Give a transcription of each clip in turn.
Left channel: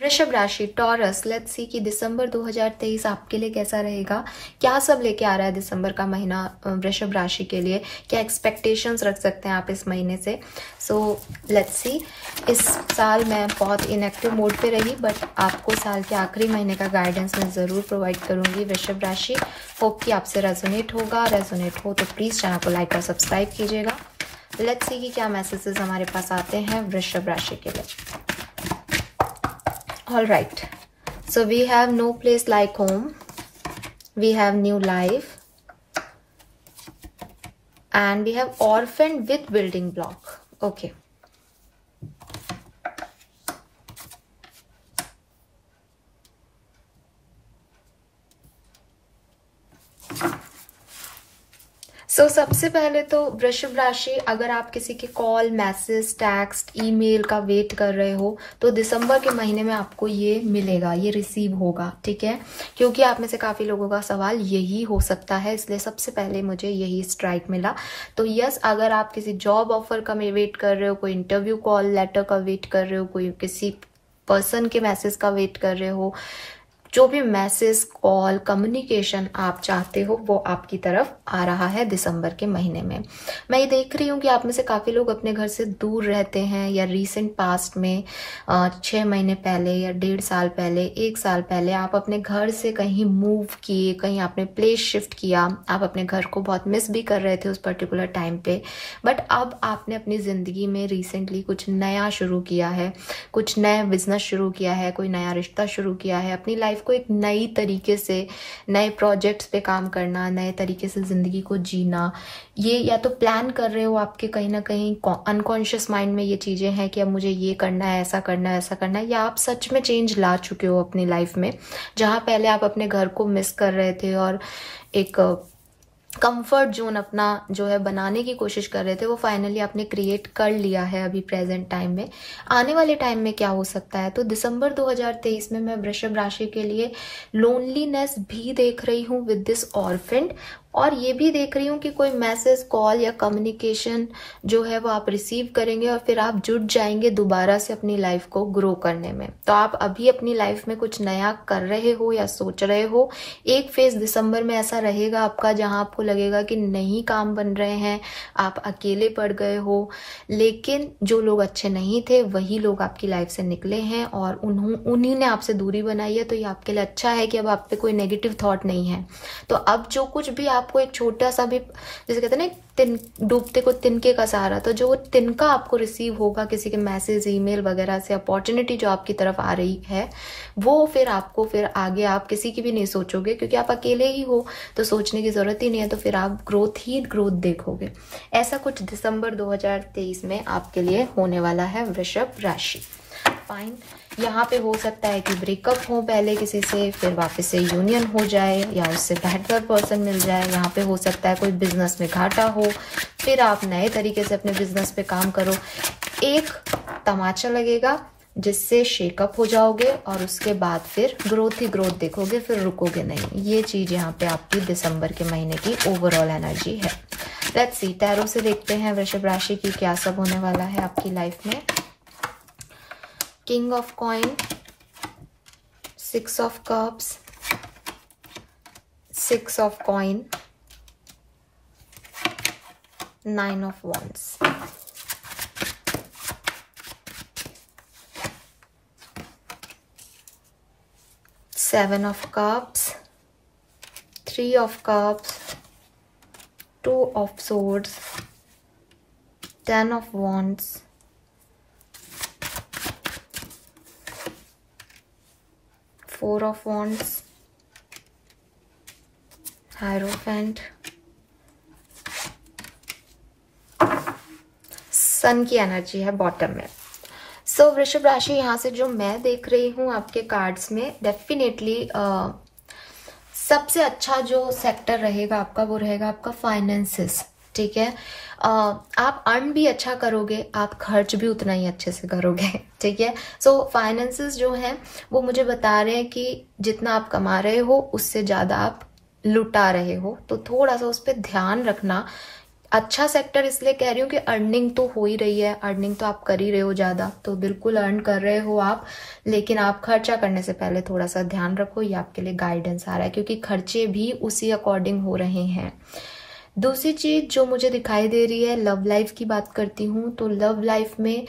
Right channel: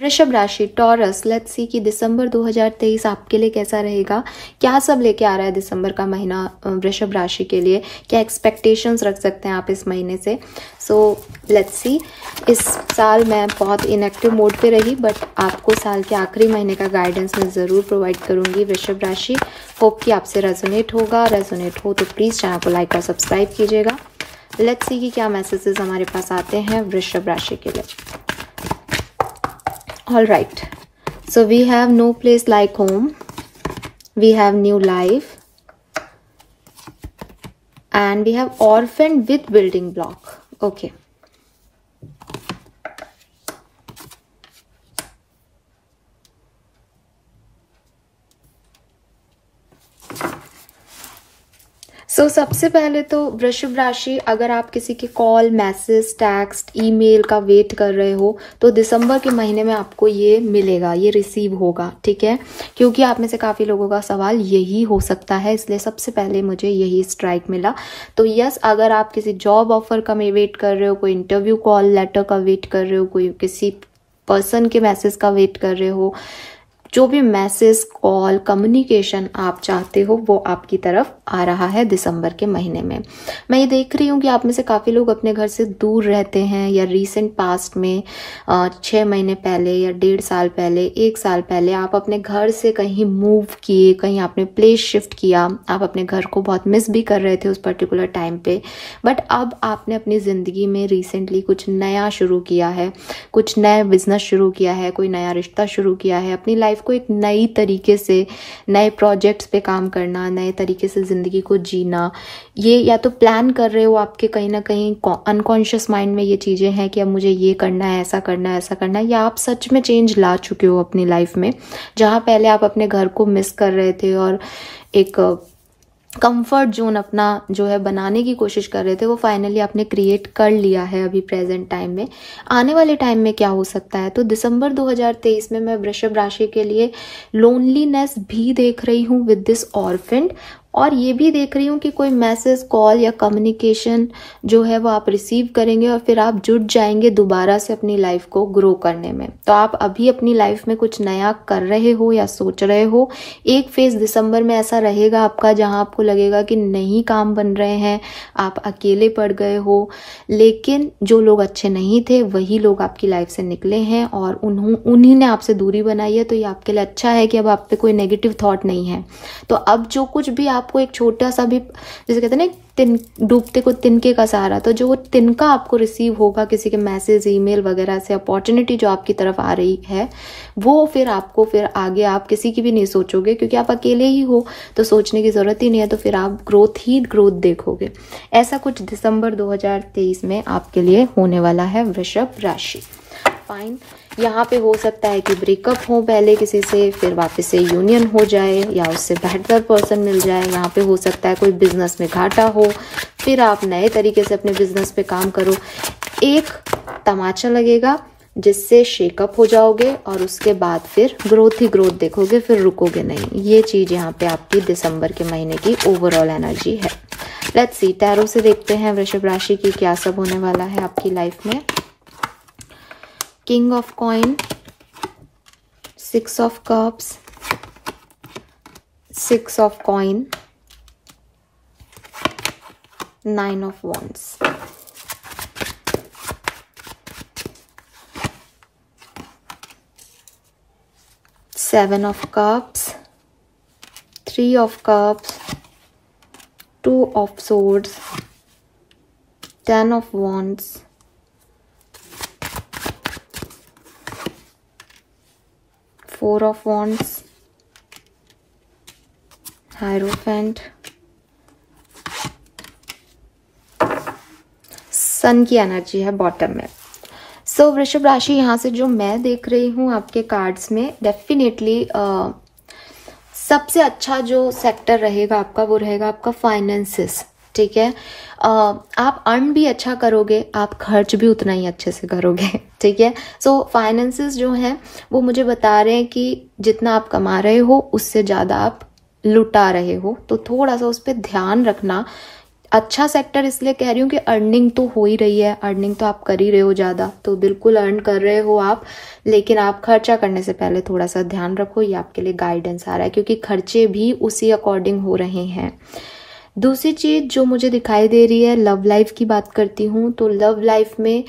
वृषभ राशि taurus, let's see कि दिसंबर 2023 आपके लिए कैसा रहेगा। क्या सब लेके आ रहा है दिसंबर का महीना वृषभ राशि के लिए, क्या एक्सपेक्टेशंस रख सकते हैं आप इस महीने से। So let's see. इस साल मैं बहुत इनएक्टिव मोड पे रही, बट आपको साल के आखिरी महीने का गाइडेंस मैं जरूर प्रोवाइड करूंगी वृषभ राशि। होप कि आपसे रेजोनेट होगा। रेजोनेट हो तो प्लीज चैनल को लाइक और सब्सक्राइब कीजिएगा। लेट्स सी कि क्या मैसेजेस हमारे पास आते हैं वृषभ राशि के लिए। All right, so we have no place like home, we have new life, and we have orphaned with building block. Okay. सो सबसे पहले तो वृषभ राशि, अगर आप किसी के कॉल, मैसेज, टेक्स्ट, ईमेल का वेट कर रहे हो तो दिसंबर के महीने में आपको ये मिलेगा, ये रिसीव होगा, ठीक है। क्योंकि आप में से काफी लोगों का सवाल यही हो सकता है, इसलिए सबसे पहले मुझे यही स्ट्राइक मिला। तो यस, अगर आप किसी जॉब ऑफर का वेट कर रहे हो, कोई इंटरव्यू कॉल लेटर का वेट कर रहे हो, कोई किसी पर्सन के मैसेज का वेट कर रहे हो, जो भी मैसेज, कॉल, कम्युनिकेशन आप चाहते हो वो आपकी तरफ आ रहा है दिसंबर के महीने में। मैं ये देख रही हूँ कि आप में से काफी लोग अपने घर से दूर रहते हैं, या रीसेंट पास्ट में 6 महीने पहले या 1.5 साल पहले, 1 साल पहले आप अपने घर से कहीं मूव किए, कहीं आपने प्लेस शिफ्ट किया। आप अपने घर को बहुत मिस भी कर रहे थे उस पर्टिकुलर टाइम पे, बट अब आपने अपनी जिंदगी में रिसेंटली कुछ नया शुरू किया है, कुछ नया बिजनेस शुरू किया है, कोई नया रिश्ता शुरू किया है। अपनी लाइफ को एक नई तरीके से, नए प्रोजेक्ट्स पे काम करना, नए तरीके से जिंदगी को जीना, ये या तो प्लान कर रहे हो आपके कहीं ना कहीं अनकॉन्शियस माइंड में ये चीजें हैं कि अब मुझे ये करना है, ऐसा करना है, ऐसा करना है, या आप सच में चेंज ला चुके हो अपनी लाइफ में। जहां पहले आप अपने घर को मिस कर रहे थे और एक कंफर्ट जोन अपना जो है बनाने की कोशिश कर रहे थे, वो फाइनली आपने क्रिएट कर लिया है अभी प्रेजेंट टाइम में। आने वाले टाइम में क्या हो सकता है, तो दिसंबर 2023 में मैं वृषभ राशि के लिए लोनलीनेस भी देख रही हूँ विद दिस ऑर्फेंड, और ये भी देख रही हूँ कि कोई मैसेज, कॉल या कम्युनिकेशन जो है वो आप रिसीव करेंगे और फिर आप जुट जाएंगे दोबारा से अपनी लाइफ को ग्रो करने में। तो आप अभी अपनी लाइफ में कुछ नया कर रहे हो या सोच रहे हो। एक फेज दिसंबर में ऐसा रहेगा आपका जहां आपको लगेगा कि नहीं काम बन रहे हैं, आप अकेले पड़ गए हो, लेकिन जो लोग अच्छे नहीं थे वही लोग आपकी लाइफ से निकले हैं और उन्हीं ने आपसे दूरी बनाई है। तो ये आपके लिए अच्छा है कि अब आप पे कोई नेगेटिव थॉट नहीं है। तो अब जो कुछ भी आपको एक छोटा सा भी, जैसे कहते हैं ना, डूबते को तिनके का सहारा, तो जो तिनका आपको रिसीव होगा किसी के मैसेज, ईमेल वगैरह से, अपॉर्चुनिटी जो आपकी तरफ आ रही है, वो फिर आपको फिर आगे आप किसी की भी नहीं सोचोगे, क्योंकि आप अकेले ही हो तो सोचने की जरूरत ही नहीं है। तो फिर आप ग्रोथ ही ग्रोथ देखोगे। ऐसा कुछ दिसंबर 2023 में आपके लिए होने वाला है वृषभ राशि। फाइन। यहाँ पे हो सकता है कि ब्रेकअप हो पहले किसी से, फिर वापस से यूनियन हो जाए या उससे बेहतर पर्सन मिल जाए। यहाँ पे हो सकता है कोई बिजनेस में घाटा हो, फिर आप नए तरीके से अपने बिजनेस पे काम करो। एक तमाचा लगेगा जिससे शेकअप हो जाओगे और उसके बाद फिर ग्रोथ ही ग्रोथ देखोगे, फिर रुकोगे नहीं। ये चीज यहाँ पे आपकी दिसंबर के महीने की ओवरऑल एनर्जी है। लेट्स सी, टैरो से देखते हैं वृषभ राशि की क्या सब होने वाला है आपकी लाइफ में। King of coin, 6 of cups, 6 of coin, 9 of wands. Seven of cups, 3 of cups, 2 of swords, 10 of wands, 4 of wands, Hierophant, सन की एनर्जी है बॉटम में। सो वृषभ राशि, यहाँ से जो मैं देख रही हूँ आपके कार्ड्स में, डेफिनेटली सबसे अच्छा जो सेक्टर रहेगा आपका वो रहेगा आपका फाइनेंसेस, ठीक है। आप अर्न भी अच्छा करोगे, आप खर्च भी उतना ही अच्छे से करोगे, ठीक है। सो फाइनेंसेस जो है वो मुझे बता रहे हैं कि जितना आप कमा रहे हो उससे ज्यादा आप लुटा रहे हो, तो थोड़ा सा उस पर ध्यान रखना। अच्छा सेक्टर इसलिए कह रही हूँ कि अर्निंग तो हो ही रही है, अर्निंग तो आप कर ही रहे हो ज्यादा, तो बिल्कुल अर्न कर रहे हो आप, लेकिन आप खर्चा करने से पहले थोड़ा सा ध्यान रखो, ये आपके लिए गाइडेंस आ रहा है, क्योंकि खर्चे भी उसी अकॉर्डिंग हो रहे हैं। दूसरी चीज जो मुझे दिखाई दे रही है, लव लाइफ की बात करती हूँ, तो लव लाइफ में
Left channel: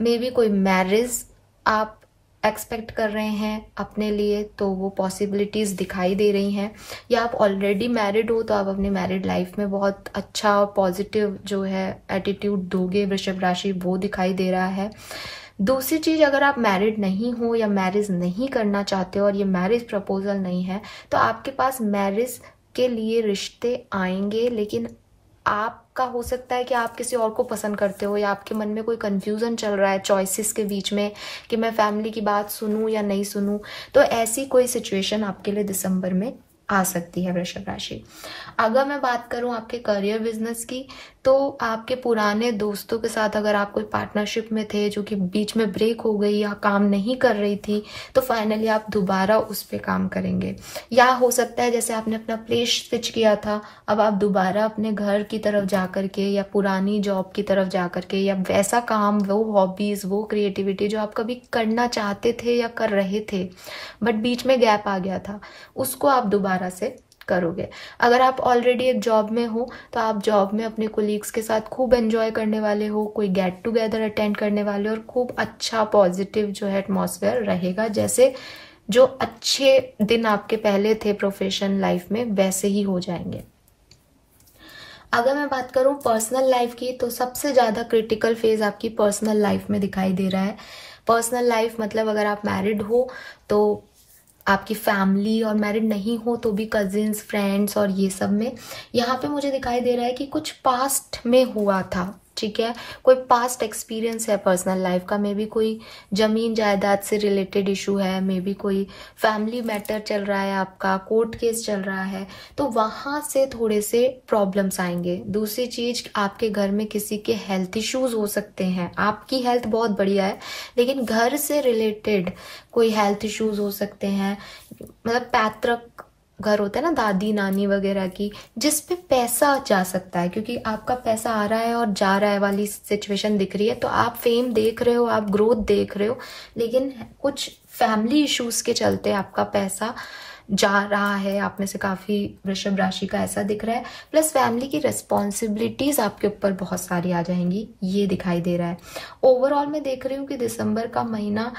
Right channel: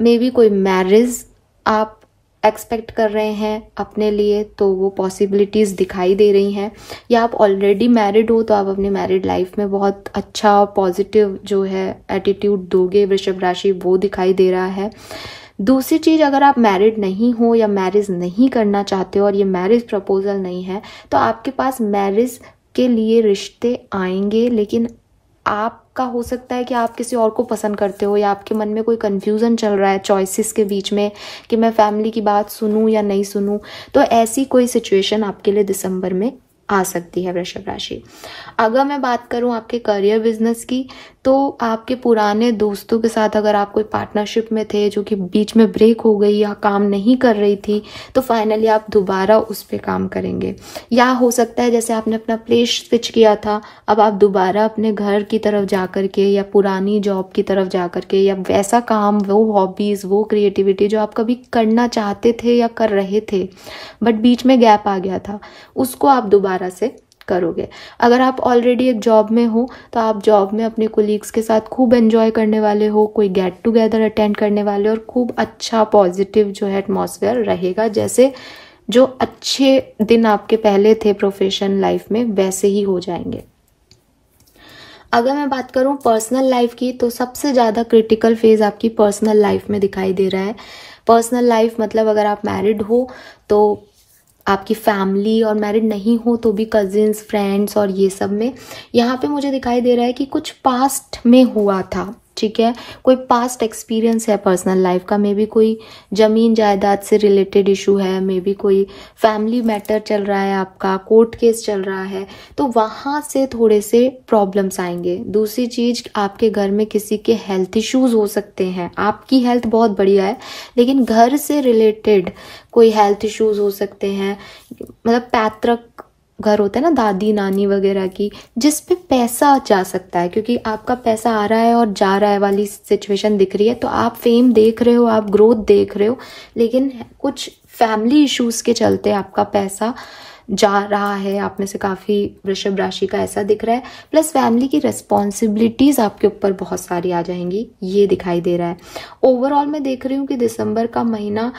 मे बी कोई मैरिज आप एक्सपेक्ट कर रहे हैं अपने लिए, तो वो पॉसिबिलिटीज दिखाई दे रही हैं, या आप ऑलरेडी मैरिड हो तो आप अपनी मैरिड लाइफ में बहुत अच्छा पॉजिटिव जो है एटीट्यूड दोगे वृषभ राशि, वो दिखाई दे रहा है। दूसरी चीज, अगर आप मैरिड नहीं हो या मैरिज नहीं करना चाहते हो और ये मैरिज प्रपोजल नहीं है, तो आपके पास मैरिज के लिए रिश्ते आएंगे, लेकिन आपका हो सकता है कि आप किसी और को पसंद करते हो, या आपके मन में कोई कंफ्यूजन चल रहा है चॉइसेस के बीच में कि मैं फैमिली की बात सुनूं या नहीं सुनूं, तो ऐसी कोई सिचुएशन आपके लिए दिसंबर में आ सकती है वृषभ राशि। अगर मैं बात करूं आपके करियर बिजनेस की, तो आपके पुराने दोस्तों के साथ अगर आप कोई पार्टनरशिप में थे जो कि बीच में ब्रेक हो गई या काम नहीं कर रही थी, तो फाइनली आप दोबारा उस पे काम करेंगे। या हो सकता है जैसे आपने अपना प्लेस स्विच किया था, अब आप दोबारा अपने घर की तरफ जा करके या पुरानी जॉब की तरफ जा करके, या वैसा काम, वो हॉबीज, वो क्रिएटिविटी जो आप कभी करना चाहते थे या कर रहे थे बट बीच में गैप आ गया था, उसको आप दोबारा से करोगे। अगर आप ऑलरेडी एक जॉब में हो तो आप जॉब में अपने कोलीग्स के साथ खूब एंजॉय करने वाले हो, कोई गेट टुगेदर अटेंड करने वाले हो, और खूब अच्छा पॉजिटिव जो है एटमॉस्फेयर रहेगा, जैसे जो अच्छे दिन आपके पहले थे प्रोफेशनल लाइफ में वैसे ही हो जाएंगे। अगर मैं बात करूं पर्सनल लाइफ की, तो सबसे ज्यादा क्रिटिकल फेज आपकी पर्सनल लाइफ में दिखाई दे रहा है। पर्सनल लाइफ मतलब अगर आप मैरिड हो तो आपकी फैमिली, और मैरिड नहीं हो तो भी कजिन्स, फ्रेंड्स और ये सब में यहाँ पे मुझे दिखाई दे रहा है कि कुछ पास्ट में हुआ था, ठीक है, कोई पास्ट एक्सपीरियंस है पर्सनल लाइफ का, मे बी कोई जमीन जायदाद से रिलेटेड इशू है, मे बी कोई फैमिली मैटर चल रहा है, आपका कोर्ट केस चल रहा है, तो वहां से थोड़े से प्रॉब्लम्स आएंगे। दूसरी चीज, आपके घर में किसी के हेल्थ इश्यूज हो सकते हैं, आपकी हेल्थ बहुत बढ़िया है लेकिन घर से रिलेटेड कोई हेल्थ इश्यूज हो सकते हैं, मतलब पैतृक घर होता है ना, दादी नानी वगैरह की, जिस पे पैसा जा सकता है, क्योंकि आपका पैसा आ रहा है और जा रहा है वाली सिचुएशन दिख रही है, तो आप फेम देख रहे हो, आप ग्रोथ देख रहे हो, लेकिन कुछ फैमिली इश्यूज के चलते आपका पैसा जा रहा है। आप में से काफी वृषभ राशि का ऐसा दिख रहा है, प्लस फैमिली की रिस्पॉन्सिबिलिटीज आपके ऊपर बहुत सारी आ जाएंगी, ये दिखाई दे रहा है। ओवरऑल मैं देख रही हूँ कि दिसंबर का महीना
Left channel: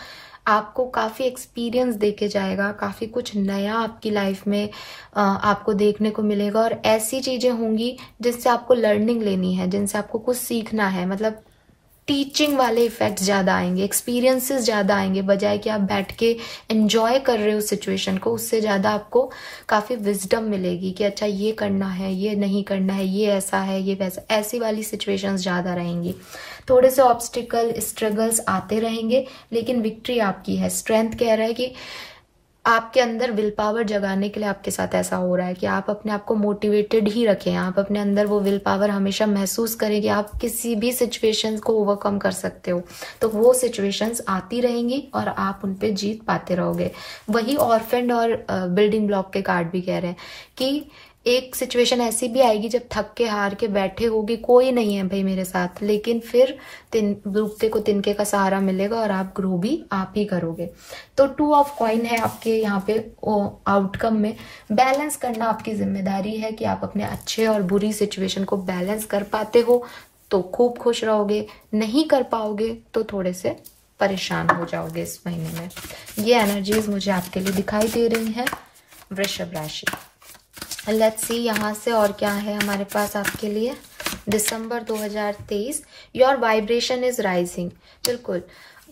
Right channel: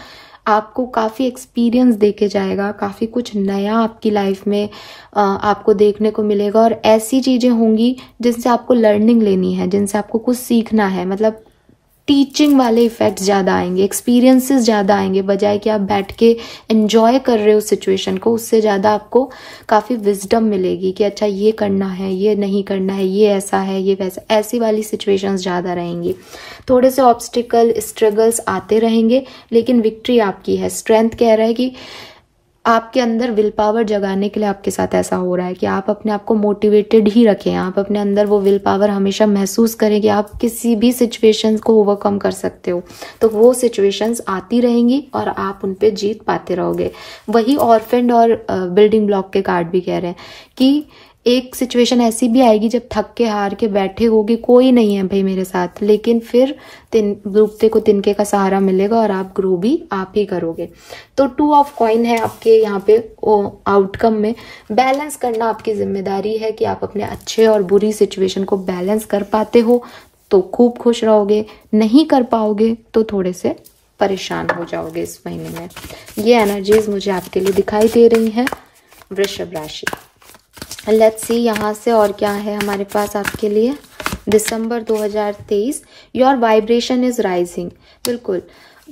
आपको काफी एक्सपीरियंस देके जाएगा, काफी कुछ नया आपकी लाइफ में आपको देखने को मिलेगा, और ऐसी चीजें होंगी जिनसे आपको लर्निंग लेनी है, जिनसे आपको कुछ सीखना है, मतलब टीचिंग वाले इफेक्ट्स ज्यादा आएंगे, एक्सपीरियंसेस ज्यादा आएंगे, बजाय कि आप बैठ के एंजॉय कर रहे हो सिचुएशन को, उससे ज्यादा आपको काफी विजडम मिलेगी कि अच्छा ये करना है, ये नहीं करना है, ये ऐसा है, ये वैसा, ऐसी वाली सिचुएशंस ज्यादा रहेंगी। थोड़े से ऑब्स्टिकल, स्ट्रगल्स आते रहेंगे, लेकिन विक्ट्री आपकी है। स्ट्रेंथ कह रहा है कि आपके अंदर विल पावर जगाने के लिए आपके साथ ऐसा हो रहा है कि आप अपने आप को मोटिवेटेड ही रखें, आप अपने अंदर वो विल पावर हमेशा महसूस करें कि आप किसी भी सिचुएशन को ओवरकम कर सकते हो, तो वो सिचुएशंस आती रहेंगी और आप उन पे जीत पाते रहोगे। वही ऑर्फेंड और बिल्डिंग ब्लॉक के कार्ड भी कह रहे हैं कि एक सिचुएशन ऐसी भी आएगी जब थक के हार के बैठे होगे, कोई नहीं है भाई मेरे साथ, लेकिन फिर रुकते को तिनके का सहारा मिलेगा और आप ग्रो भी आप ही करोगे। तो 2 ऑफ कॉइन है आपके यहाँ पे आउटकम में। बैलेंस करना आपकी जिम्मेदारी है कि आप अपने अच्छे और बुरी सिचुएशन को बैलेंस कर पाते हो तो खूब खुश रहोगे, नहीं कर पाओगे तो थोड़े से परेशान हो जाओगे इस महीने में। ये एनर्जीज मुझे आपके लिए दिखाई दे रही है वृषभ राशि। लेट्स सी यहाँ से और क्या है हमारे पास आपके लिए दिसंबर 2023। Your vibration is rising. बिल्कुल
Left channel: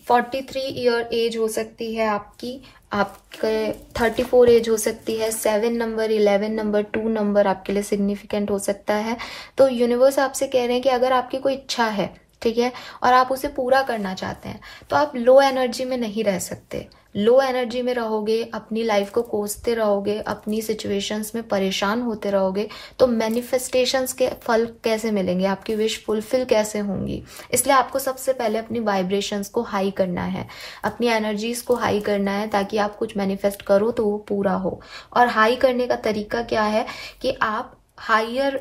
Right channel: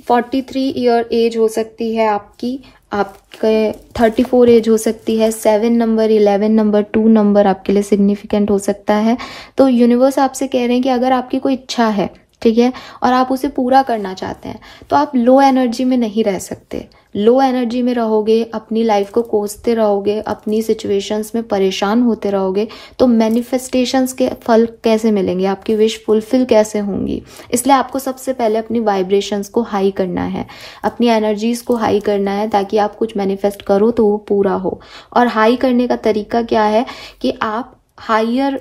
43 ईयर एज हो सकती है आपकी, आपके 34 एज हो सकती है, 7 नंबर, 11 नंबर, 2 नंबर आपके लिए सिग्निफिकेंट हो सकता है। तो यूनिवर्स आपसे कह रहे हैं कि अगर आपकी कोई इच्छा है, ठीक है, और आप उसे पूरा करना चाहते हैं, तो आप लो एनर्जी में नहीं रह सकते। लो एनर्जी में रहोगे, अपनी लाइफ को कोसते रहोगे, अपनी सिचुएशंस में परेशान होते रहोगे, तो मैनिफेस्टेशंस के फल कैसे मिलेंगे, आपकी विश फुलफिल कैसे होंगी। इसलिए आपको सबसे पहले अपनी वाइब्रेशंस को हाई करना है, अपनी एनर्जीज को हाई करना है, ताकि आप कुछ मैनिफेस्ट करो तो वो पूरा हो। और हाई करने का तरीका क्या है कि आप हायर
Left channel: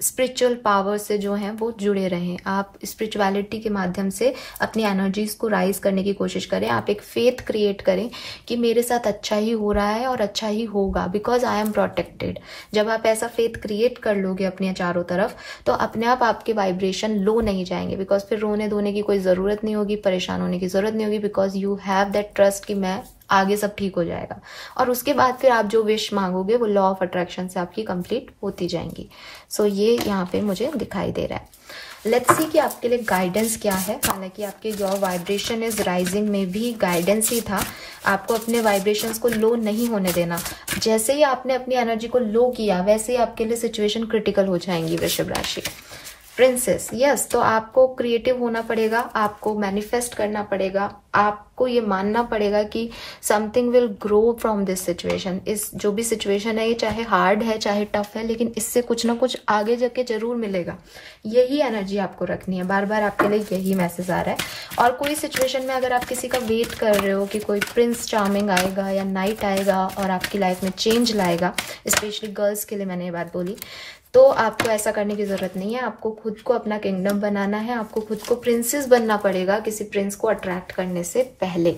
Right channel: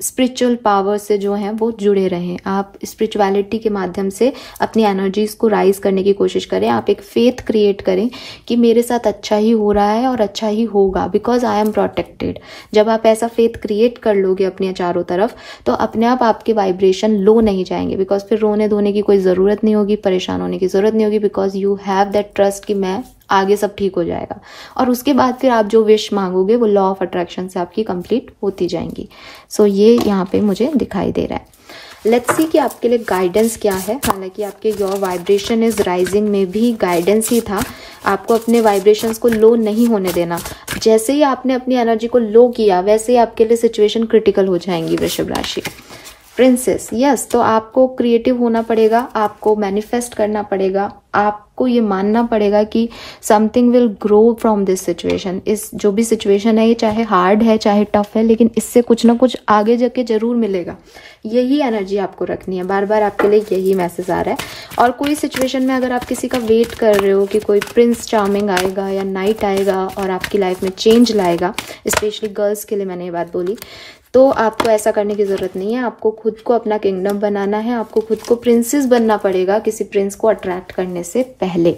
स्पिरिचुअल पावर से जो है वो जुड़े रहें। आप स्पिरिचुअलिटी के माध्यम से अपनी एनर्जीज को राइज करने की कोशिश करें। आप एक फेथ क्रिएट करें कि मेरे साथ अच्छा ही हो रहा है और अच्छा ही होगा, बिकॉज आई एम प्रोटेक्टेड। जब आप ऐसा फेथ क्रिएट कर लोगे अपने चारों तरफ, तो अपने आप आपके वाइब्रेशन लो नहीं जाएंगे, बिकॉज फिर रोने धोने की कोई जरूरत नहीं होगी, परेशान होने की जरूरत नहीं होगी, because you have that trust कि मैं आगे सब ठीक हो जाएगा। और उसके बाद फिर आप जो विश मांगोगे वो लॉ ऑफ अट्रैक्शन से आपकी कंप्लीट होती जाएंगी। सो ये यहाँ पे मुझे दिखाई दे रहा है। लेट्स सी कि आपके लिए गाइडेंस क्या है। हालांकि आपके योर वाइब्रेशन इज राइजिंग में भी गाइडेंस ही था, आपको अपने वाइब्रेशंस को लो नहीं होने देना। जैसे ही आपने अपनी एनर्जी को लो किया, वैसे ही आपके लिए सिचुएशन क्रिटिकल हो जाएंगी वृषभ राशि। प्रिंसेस, यस, तो आपको क्रिएटिव होना पड़ेगा, आपको मैनिफेस्ट करना पड़ेगा, आपको ये मानना पड़ेगा कि something will grow from this situation. इस जो भी सिचुएशन है, ये चाहे हार्ड है चाहे टफ है, लेकिन इससे कुछ ना कुछ आगे जाके जरूर मिलेगा। यही एनर्जी आपको रखनी है, बार बार आपके लिए यही मैसेज आ रहा है। और कोई सिचुएशन में अगर आप किसी का वेट कर रहे हो कि कोई प्रिंस चार्मिंग आएगा या नाइट आएगा और आपकी लाइफ में चेंज लाएगा, स्पेशली गर्ल्स के लिए मैंने ये बात बोली, तो आपको ऐसा करने की जरूरत नहीं है। आपको खुद को अपना किंगडम बनाना है, आपको खुद को प्रिंसेस बनना पड़ेगा किसी प्रिंस को अट्रैक्ट करने से पहले।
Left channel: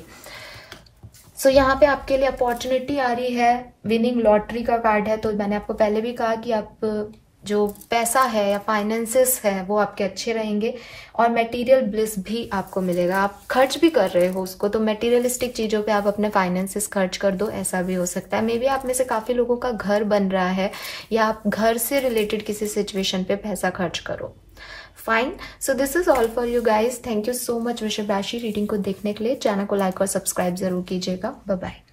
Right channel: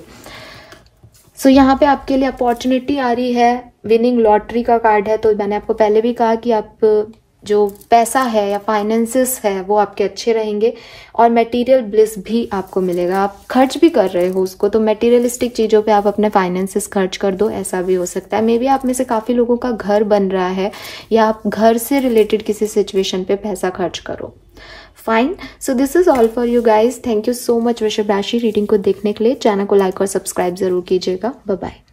सो यहाँ पे आपके लिए अपॉर्चुनिटी आ रही है, विनिंग लॉटरी का कार्ड है। तो मैंने आपको पहले भी कहा कि आप जो पैसा है या फाइनेंसेस है वो आपके अच्छे रहेंगे और मटेरियल ब्लिस भी आपको मिलेगा। आप खर्च भी कर रहे हो उसको, तो मटेरियलिस्टिक चीजों पे आप अपने फाइनेंसेस खर्च कर दो, ऐसा भी हो सकता है। मे बी आप में से काफी लोगों का घर बन रहा है या आप घर से रिलेटेड किसी सिचुएशन पे पैसा खर्च करो। Fine, so this is all for you guys. Thank you so much वृषभ राशि रीडिंग को देखने के लिए। चैनल को लाइक और सब्सक्राइब जरूर कीजिएगा। Bye bye.